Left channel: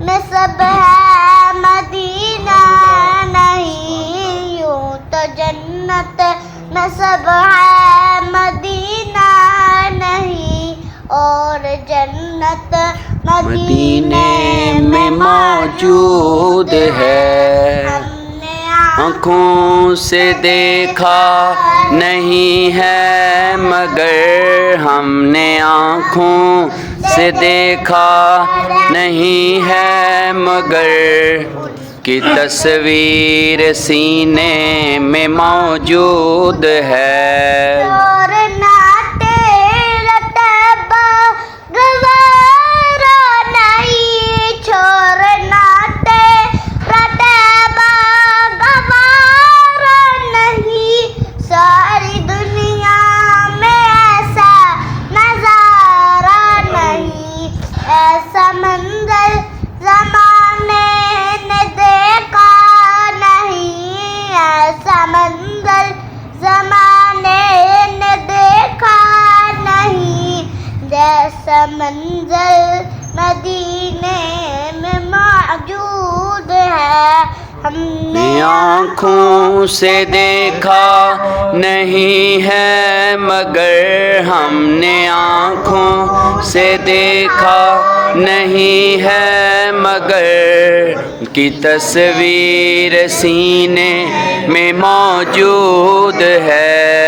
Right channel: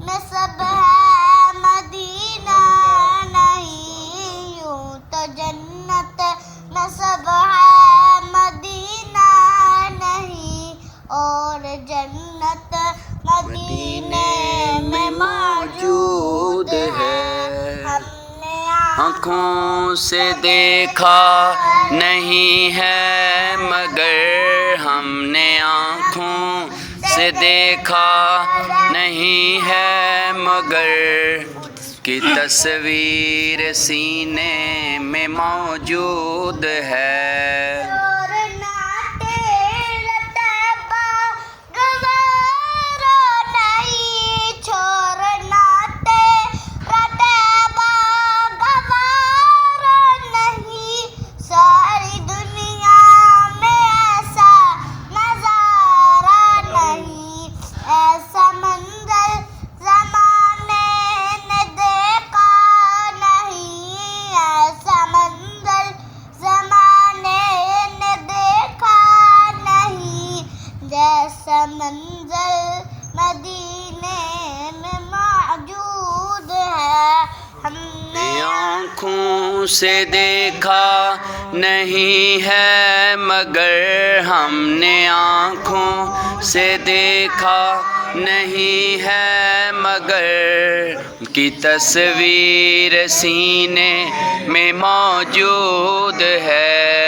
نسب ہے مدینہ نہیں، یوں تو جنت نسب ہے مدینہ نہیں، اور جنت مدینے میں موجود ہے۔ ہم نے آنکھوں سے دیکھا نہیں ہے مگر، ہم نے آنکھوں سے دیکھا نہیں ہے مگر، کہ تصویر سینے میں موجود ہے۔ چھوڑنا تیرا طیبہ گوارا نہیں، چھوڑنا تیرا طیبہ گوارا نہیں، ساری دنیا میں ایسا نظارہ نہیں، ایسا منظر زمانے نے دیکھا نہیں، ایسا منظر زمانے نے دیکھا نہیں، جیسا منظر مدینے میں موجود ہے۔ ہم نے آنکھوں سے دیکھا نہیں ہے مگر، ہم نے آنکھوں سے دیکھا نہیں ہے مگر، کہ تصویر سینے میں موجود ہے۔